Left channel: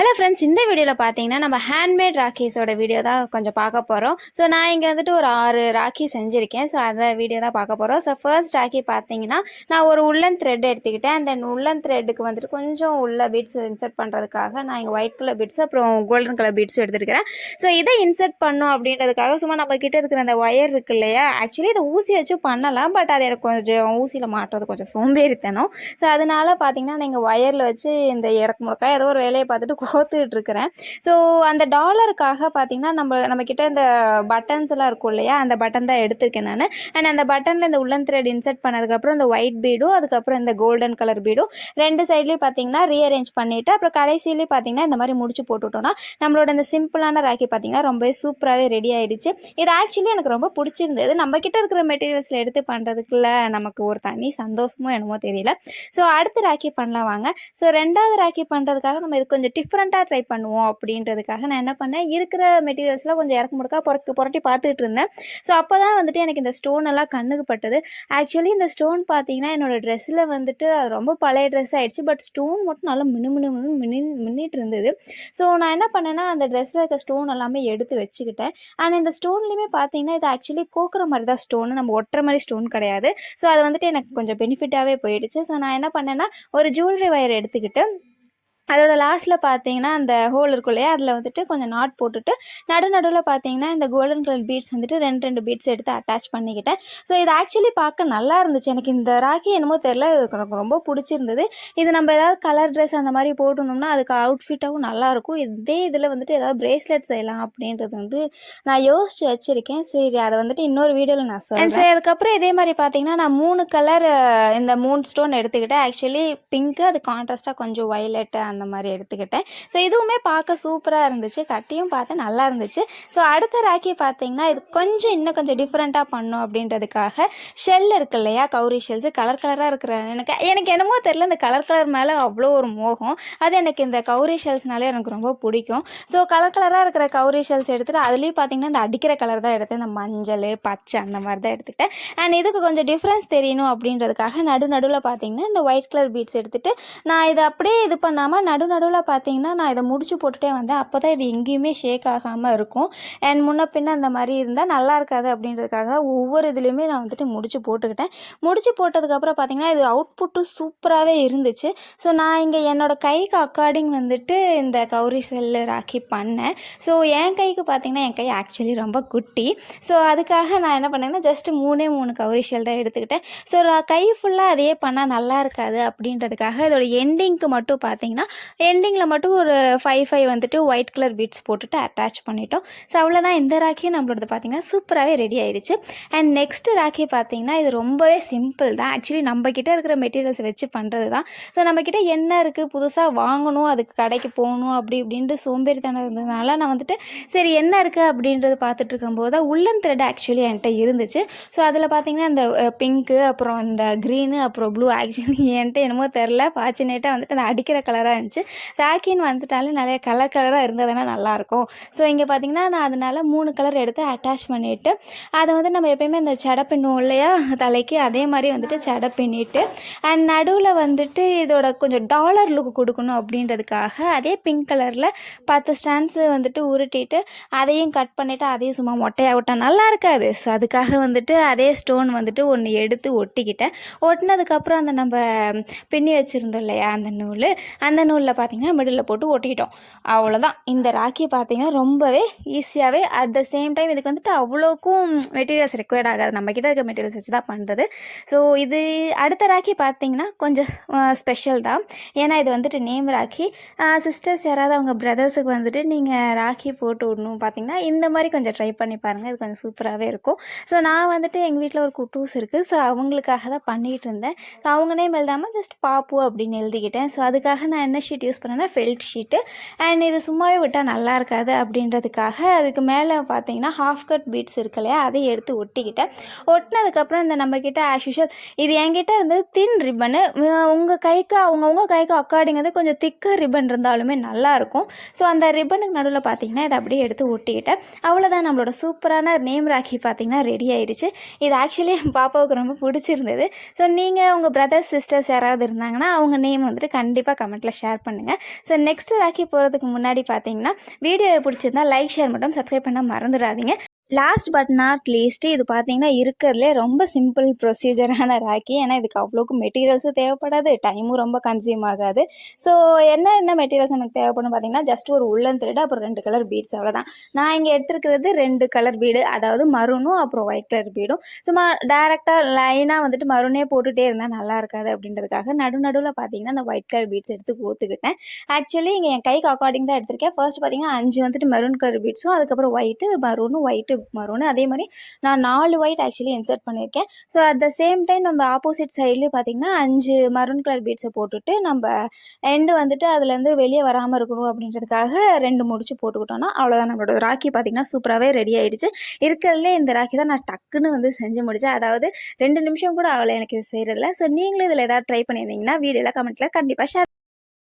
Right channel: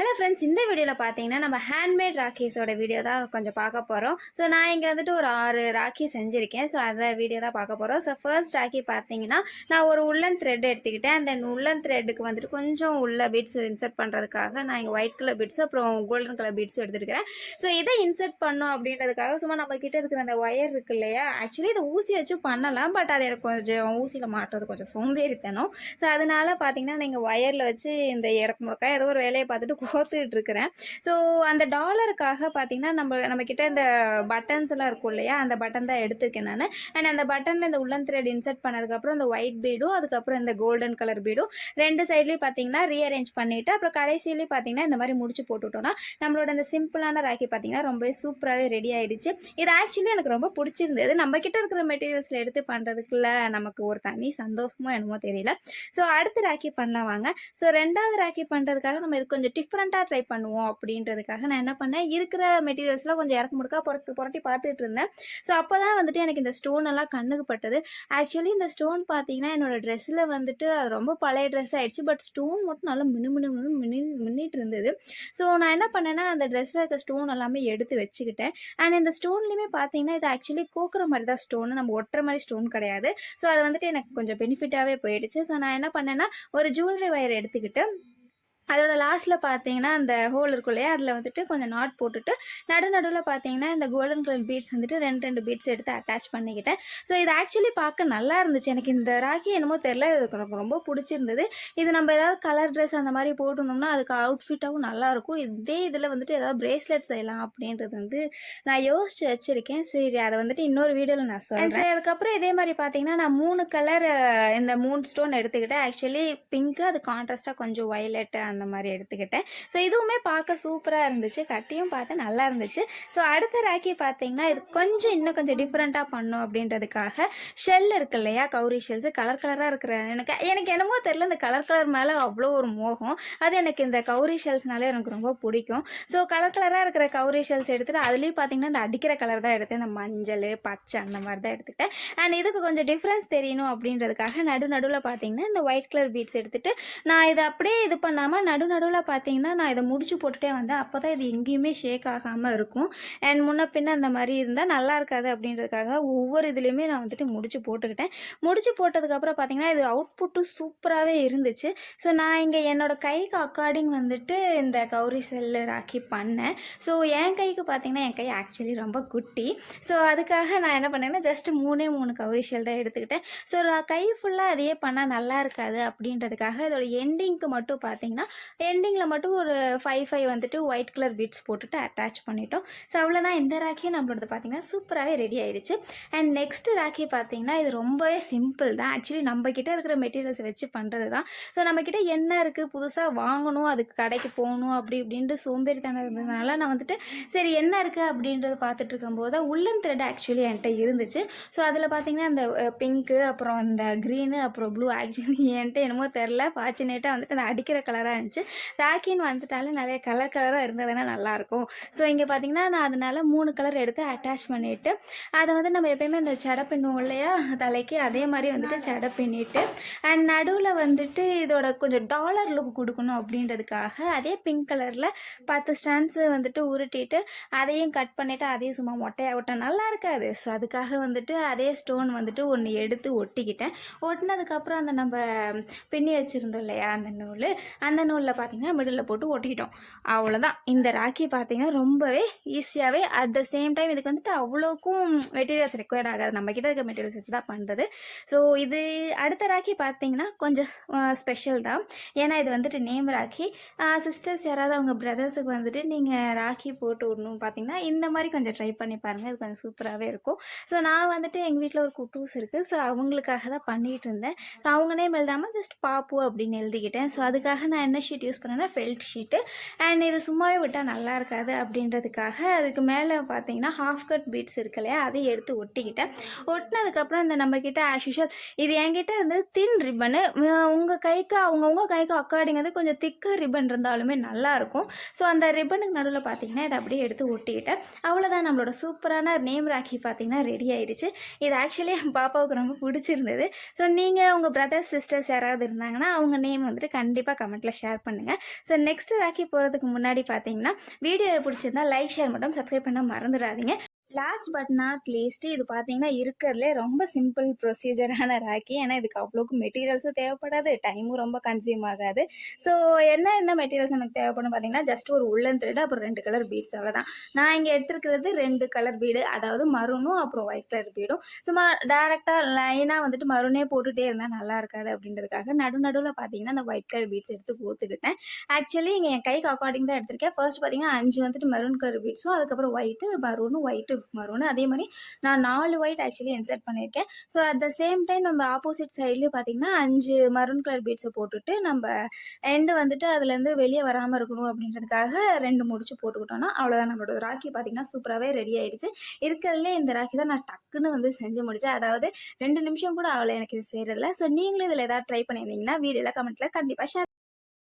Hello friends, இந்த வீடியோவில் பார்த்தீங்கன்னா நம்ம ஹேண்ட்மேட் ராக்கீஸோட வீடியோ தான் கொஞ்சம் பார்க்க போகிறோம். ஸோ நான் இங்கே வந்துட்டு ஒரு 6 ராக்கி செஞ்சுருக்கேன். ஸோ அதை வீடியோ தான் பார்க்க போகிறோம். ஸோ ஃபர்ஸ்ட் ராக்கி பார்த்தீங்கன்னா நான் ஒரு உள்ளன் த்ரெட் எடுத்துக்கிட்டேன். அந்த உள்ளன் த்ரெட்டுக்கு வந்துட்டு கொஞ்சம் உள்ள பீட்ஸ் இன்சர்ட் பண்ணுறதுக்காக நான் இங்கே ஒயிட் கலர் பீட்ஸும் அப்புறம் கோல்டன் கலர் பீட்ஸும் எடுத்துருக்கிறேன். ஸோ இதை இன்சர்ட் பண்ணும் அப்படின்றதுக்காக சும்மா நம்ம கிட்ட இருக்கிற அந்த ஒயர் இருக்கு இல்லையா, ஆக்சுவலி இதை ஊசி வச்சு பண்ணலாம். பட் அது எனக்கு கொஞ்சம் ஊசியில் மாட்டுறது கொஞ்சம் சோம்பேறித்தனம். ஸோ அதனால் பார்த்தீங்கன்னா நீங்கள் ஒயரில் வச்சு இந்த இடக்கு முடக்கா ஏதோ ஒரு வேலையை பார்த்துட்டு கோத்துக்கிட்டு இருக்கிறேன். ஸோ அந்த டாலருக்காக பார்த்தீங்கன்னா நம்ம கிட்ட இந்த பட்டன்ஸ் எல்லாம் இருக்கும் இல்லையா, அந்த பட்டன் தான் எடுத்திருக்கேன் நான். அண்ட் அந்த பட்டனில் இந்த உள்ளன் த்ரெட் இன்சர்ட் பண்ணதுக்கப்புறம் இந்த ஒயிட் பீடும் அதுக்கப்புறம் இந்த கோல்டன் கலர் பீடும் ரெண்டு சைட்லேயும் பார்த்தீங்கன்னா ரீஅரேஞ்ச் பண்ணிவிட்டு அப்புறம் கடைசியிலேயும் பார்த்தீங்கன்னா இந்த மாதிரி முடிச்சு போட்டுவிட்டோம்னா நம்மளோட இந்த சிம்பிளான ராக்கி பார்த்தீங்கன்னா ரொம்ப சூப்பராகவே ரெடி ஆகிடுச்சு. இது ஆக்சுவலி எனக்கு ரொம்ப பிடிச்சிருந்தது. நம்ம கிட்ட இருக்கிற மெட்டீரியல்ஸில் எடுத்து பண்ணுறதுக்குள்ள நமக்கு ஒரு தனி சந்தோஷமோ என்னமோ தெரியல. ஸோ அடுத்து ராக்கி பண்ணலாம் வாங்க. ஸோ ரெண்டாவது ராக்கி பண்ணுறதுக்காக நம்ம இது கொஞ்சம் டிஃப்ரெண்ட்டாக ட்ரை பண்ணுவோம் அப்படின்றதுக்காக நான் என்ன பண்ணேன், இருக்கிற மெட்டீரியல்ஸ்லாம் கொஞ்சம் இடக்கு முடக்கா புரட்டி பார்த்துட்டு இருந்தேன். ஸோ அப்போ தான் வந்துட்டு எனக்கு இந்த ஸ்டோன் எல்லாம் கண்ணுக்கு பட்டது. ஆக்சுவலி இந்த ஸ்டோன் பார்த்தீங்கன்னா என்னோடய ட்ரெஸ்ஸில் வந்துட்டு அது ரொம்ப பழைய ட்ரெஸ் ஆகிடுச்சு. பட் ஸ்டோன் மட்டும் நல்லா மின்னிட்டு இருந்தது. ஸோ நான் என்ன பண்ணேன்னா அந்த ட்ரெஸ்ஸில் இருக்க ஸ்டோன் எல்லாமே எடுத்து வச்சுக்கிட்டேன். அண்ட் இந்த ஸ்டோன்லேயுமே பார்த்தீங்கன்னா இது ஆக்சுவலி கோக்குற மாதிரி தான் ஸ்டோன், நம்ம ஒட்டுற மாதிரி ஸ்டோன் கிடையாது. ஸோ அது வந்துட்டு எனக்கு கொஞ்சம் பெனிஃபிட்டாகவே போயிடுச்சு. ஸோ நான் என்ன பண்ணேன்னா ஒரு ஜுவல்லரி வயர் எடுத்துக்கிட்டு அதோட லாஸ்ட்டில் பார்த்தீங்கன்னா அந்த ஹோல் இருக்கும் இல்லையா, அதில் வந்துட்டு கொஞ்சம் நாட் போட்டுட்டு நடுவில் பார்த்தீங்கன்னா இந்த கோல்டன் கலர் பீட்ஸ் வந்துட்டு ரெண்டு பீட்ஸ் எடுத்து அட்டாச் பண்ணிக்கிட்டேன். ஸோ இது ஆக்சுவலி பார்க்க நல்லா இருந்துச்சு. எனக்கு இந்த ராக்கி என்னமோ தெரில, எனக்கு ரொம்ப பிடிச்சிருந்தது. இது நம்ம ஏதாவது கலர் ட்ரெஸ் அந்த மாதிரி போட்டணும்னா அதுக்கு அவுட்ஃபிட்டாகவும் நல்லாயிருக்கும். இதே இதில் வந்துட்டு ஏதாவது பிரேஸ்லெட் செய்யலாம் அப்படின்றது வந்து நான் யோசித்து வச்சுருக்கேன். சரி, அதை வந்துட்டு இன்னொரு வீடியோவில் நான் சொல்கிறேன். சரி, அதுக்கப்புறம் இதே மாதிரி பார்த்தீங்கன்னா நான் 3 கலர் இந்த 3 ஸ்டோன் எடுத்துக்கிட்டேன். ஆக்சுவலி பிங்க்கு, அது கான்ட்ராஸ்ட்டாக கொஞ்சம் வயலட்டு அந்த மாதிரி எடுத்துக்கிட்டேன். ஸோ இதுவுமே பார்க்க சூப்பராக இருந்துச்சு. கட்டியும் பார்த்தா நல்லா இருந்துச்சு. ஸோ அடுத்த ராக்கி பார்த்தீங்கன்னா இது இன்னும் கொஞ்சம் டிஃப்ரெண்ட்டாக பண்ணும் அப்படின்றதுக்காக ஷெல் இருக்கு இல்லையா, கௌரி ஷெல்ஸ் கலர் கலராக இருக்கிற எனக்கு என்னமோ தெரியல, இந்த கலர் மேலே அவ்வளோ ஒரு மோகம். அது எனக்கு இந்த கௌரி ஷெல்ஸ்னாலே எனக்கு ரொம்ப பிடிக்கும். ஸோ கலராக இருக்கிற கௌரி ஷெல்ஸ் எடுத்துகிட்டு அதுலேயும் பார்த்தீங்கன்னா இந்த அடிக்கிற கலர் தான் எடுத்தேன். இந்த மஞ்சள் பச்சை அந்த மாதிரி தான் எடுத்துக்கிட்டேன். அண்ட் இதுக்கு கொஞ்சம் டிஃப்ரென்ஸ் தெரியணும் அப்படின்றதுக்காக நடுவில் பார்த்தீங்கன்னா இந்த ஒயிட் கலர் பீட்ஸ் எடுத்துகிட்டு நான் இதை அப்படியே இது பண்ணாமல் நடுவில் பார்த்தீங்கன்னா நான் இதை முடிச்சு போட்டுகிட்டே வந்தேன். அப்போ தான் இது எங்கேயுமே ஷேக் ஆகாமல் இருக்கும். அண்ட் முன்ன பின்ன அந்த மாதிரி இருந்தால் நல்லா இருக்காது அப்படின்றதுக்காக தான் ஒவ்வொரு இதுலேயுமே நான் வந்துட்டு முடிச்சு போட்டுக்கிட்டேன். முடிச்சு போட்டதுக்கப்புறம் பார்த்தீங்கன்னா இது அவுட்புட்டும் சூப்பராகவே இருந்துச்சு. ஸோ நான் இங்கே என்னோடய கைக்கு அக்கார்டிங் வந்துட்டு இந்த கௌரி செல்லு ராக்கி பண்ணேன். ஸோ என் கைக்கு பார்த்தீங்கன்னா என் கை ஆக்சுவலி ரொம்ப குட்டி. ஸோ அதுக்காக நான் என்ன பண்ணேன்னா ஜஸ்ட்டு 3 கௌரி ஷெல் தான் எடுத்துக்கிட்டேன். ஸோ கை ஃபுல்லாக அதையே பண்ணால் நல்லா இருக்காது அப்படின்றதுக்காக இதோட எண்டிங்க்கு மட்டும் பார்த்தீங்கன்னா எண்டிங்கில் மட்டும் ஒரு 5 வந்துட்டு ஒயிட் கலர் பீட்ஸ் போட்டுட்டு அட்டாச் பண்ணிட்டோம். ஸோ அவ்வளோதான், இந்த ராக்கியும் நம்மளோடது பார்த்திங்கன்னா சூப்பராகவே ரெடி ஆகிடுச்சு. அண்ட் நெக்ஸ்ட்டு ராக்கி பார்த்திங்கன்னா இது ரொம்பவே சிம்பிள் தான். ஆக்சுவலி நம்மக்கிட்ட இருக்கிற மெட்டீரியல்ஸை வச்சு பண்ணுறது தான். ஸோ நம்மக்கிட்ட என்ன இருக்குது புதுசாக வாங்கணும், அதுக்கு கடைக்கு போகணும் இப்படின்ட்டு சோம்பேறித்தனம் இருந்ததுனால நான் வந்துட்டு சரி என்ன இருக்குது அப்படின்றது பார்த்துட்டு இருக்கும்போது தான் உள்ளன் த்ரெட் ஆக்சுவலி என்கிட்ட இருந்துச்சு. ஸோ அதில் பார்த்திங்கன்னா இந்த பிங்க்கு அப்புறம் இந்த க்ரீனு அப்புறம் ப்ளூ ஆக்சுவலி என்கிட்ட என்னமோ தெரில ஃபார்ச்சுனேட்டாக வந்துட்டு அந்த அடிக்கிற கலராக இருந்துச்சு. ராக்கின்னு வந்துட்டாலே நிறைய கலராக இருந்ததுன்னா நல்லாயிருக்கும். ஸோ இங்கே பார்த்திங்கன்னா நான் அதனால் 3 கலர் எடுத்து அட்டாச் பண்ணிவிட்டு அதை வந்து நம்ம எப்போயுமே அந்த சடை பின்னுவோம் இல்லையா தலைக்கு, அதே மாதிரி வந்துட்டு சடை பின்னிட்டு அண்ட் நடுவில் வந்துட்டு இதோட கொஞ்சம் டாலர் லுக் கொடுக்கணும் அப்படின்றதுக்காக அதே பிங்க் கலரில் 10 ஸ்டாண்ட்ஸு வந்துட்டு உருட்டிட்டு அதையும் கட் பண்ணிவிட்டு அதையும் சும்மா மொட்டையாக விட்டால் நல்லா இருக்காது. ஸோ அதுக்காக வந்துட்டு அதே ஸ்டோன் வந்துட்டு ஒன்று எடுத்து ஒட்டிக்கிட்டேன். ஒட்டினதுக்கப்புறம் அந்த நம்ம பின்னி வச்சுருந்தோம் இல்லையா அந்த நூலில் பார்த்திங்கன்னா மிடில் போட்டு ஒட்டிக்கிட்டோம். அவ்வளோதான். இந்த ராக்கி பார்த்திங்கன்னா ரொம்பவே ஈஸியாகவே அட் த சேம் டைம் இதுக்கு வந்துட்டு அவ்வளோக்கும் மெட்டீரியல்ஸ் ரெக்வயர்ட் ஆகாது. நம்மக்கிட்ட இருக்க மெட்டீரியல்ஸ் வச்சு தான் பண்ணுறது. ஸோ இது அடுத்த ராக்கி பார்த்திங்கன்னா கொஞ்சம் ஸ்பெஷல் தான். ஏன்னா இது வந்துட்டு நேம் ராக்கி. சிஸ்டர்ஸ் யாராவது அவங்க பிரதர்ஸுக்கு வந்துட்டு நீங்கள் ராக்கி போட்டு விடணும் பார்த்திங்கன்னா இந்த மாதிரி கொஞ்சம் ட்ரை பண்ணி பாருங்கள். இது கொஞ்சம் சூப்பராகவே இருக்கும். ஸோ நான் வந்துட்டு எங்கள் வீட்டில் ஒரு குட்டூஸ் இருக்குது. ஸோ அவங்களுக்காக தான் பண்ணிகிட்டு இருந்தேன். ஸோ அவங்க நேம் எழுதாமல் ஜஸ்ட் பாப்பு அப்படின்னு எழுதிக்கிட்டேன். ஸோ அதுக்காக நான் என்ன ஷீட் யூஸ் பண்ணேன்னா ஃபெல்ட் ஷீட்டு. அண்ட் இது சும்மாவே விட்டால் நல்லா இருக்காது அப்படின்றதுக்காக அதுக்கு மேலே பார்த்தீங்கன்னா ஹாஃப் கட் பீட்ஸ் இருக்கு இல்லையா, அதை எடுத்து ஒட்டிக்கிட்டேன். ஒட்டினதுக்கப்புறம் இந்த நம்மக்கிட்ட ஆஸ் யூஷுவல் இது என்கிட்ட இருந்தது தின் ரிப்பனு. உங்கள் கைக்கு அவங்கவுங்க கைக்கு அக்கார்டிங் வந்து கொஞ்சம் திக்கர் ரிப்பன் இருந்தாலுமே நல்லாயிருக்கும். ஸோ அந்த ரிப்பனுக்கு நடுவில் பார்த்தீங்கன்னா இதை அப்படியே எடுத்து ஒட்டிக்கிட்டேன். அவ்வளோதான், நம்மளோட சூப்பரான நேம் ராக்கி பார்த்தீங்கன்னா ரெடி ஆயிடுச்சு. இது ஆக்சுவலி என் பாப்பாவுக்கு ரொம்ப பிடிச்சிருந்தது. ஸோ நீங்கள் உங்கள் பிரதர்ஸ் சிஸ்டர்ஸ் யாராவது இருந்தாங்கன்னா அவங்க நேம் வந்துட்டு கண்டிப்பாக கமெண்ட்டில் ஷேர் ஷேர் பண்ணுங்கள். ஸோ நெக்ஸ்ட் ராக்கி போகிறதுக்கு முன்னாடி பார்த்தீங்கன்னா வீடியோ பிடிச்சிருந்தா லைக், ஷேர் மட்டும் சப்ஸ்கிரைப் பண்ண மறந்துடாதீங்க. லாஸ்ட் பட் நாட் லீஸ்ட் இது பார்த்தீங்கன்னா இருக்கிறதுலே ரொம்ப சிம்பிள் ப்ரொசீஜரான ராக்கி. ஏன்னா இதுக்கு அவ்வளோக்கு மெட்டீரியல்ஸும் தேவைப்படாது, டைமும் ரொம்ப கன்சியூம் ஆகாது. ஸோ என்ன மெட்டீரியல்ஸ் நமக்கு தேவைப்படும் பார்த்தீங்கன்னா, ஜஸ்ட் ஒரு உள்ளன் த்ரெட், அப்புறம் 2 கலர் பீட்ஸ், அவ்வளோதான். நான் இங்கே எடுத்துருக்கிறது 2 கலர் பீடு, அதாவது மரூனும் அப்புறம் ஒயிட் கலர் பீடும். சும்மா டேரெக்டாக லைனாக வந்துட்டு மரூனே போட்டுகிட்டே இருந்தால் நல்லா இருக்காது அப்படின்றதுக்காக நடுவில் பார்த்தீங்கன்னா அந்த ஒயிட் கலர் பீட்ஸ் எடுத்து கோத்துக்கிட்டேன். ஆக்சுவலி இங்கே என் கைக்கு அக்கார்டிங் தான் எடுத்திருக்கேன். ஃபர்ஸ்ட் பார்த்தீங்கன்னா 5 வந்துட்டு மெரூன் கலர் பீட்ஸும், அதுக்கப்புறம் ஒயிட்டு, மரூனும், ஒயிட்டு, மரூனு, அதே மாதிரி நான் 4 ஒயிட் ஆக்சுவலி இன்சர்ட் பண்ணியிருக்கேன். So at the same time நம்ம ஆப்போசிட் சைட்லேயும் பார்த்தீங்கன்னா 5 மரூன் கலர் பீட்ஸை போட்டுட்டு நம்ம எண்டு வந்துட்டு அதுலேருந்து வெளியே வராமல் இருக்கணும் அப்படின்றதுக்காக 2 முடிச்சு போட்டுக்கிட்டோன்னா அவ்வளோதான். நம்மளோட ராக்கி பார்த்தீங்கன்னா சூப்பராகவே ரெடி ஆகிடுச்சு. இருக்கிறதுலே இந்த ராக்கி தான் நான் டக்குன்னு வந்து செஞ்சு முடித்தேன். அதாவது 2 நிமிஷம் கூட ஆகலை எனக்கு இது செய்கிறதுல. ஸோ நீங்களும் இதில் ஏதாவது ட்ரை பண்ணியிருந்தீங்கன்னா வீடியோவில் கமெண்ட்டில் கண்டிப்பாக ஷேர்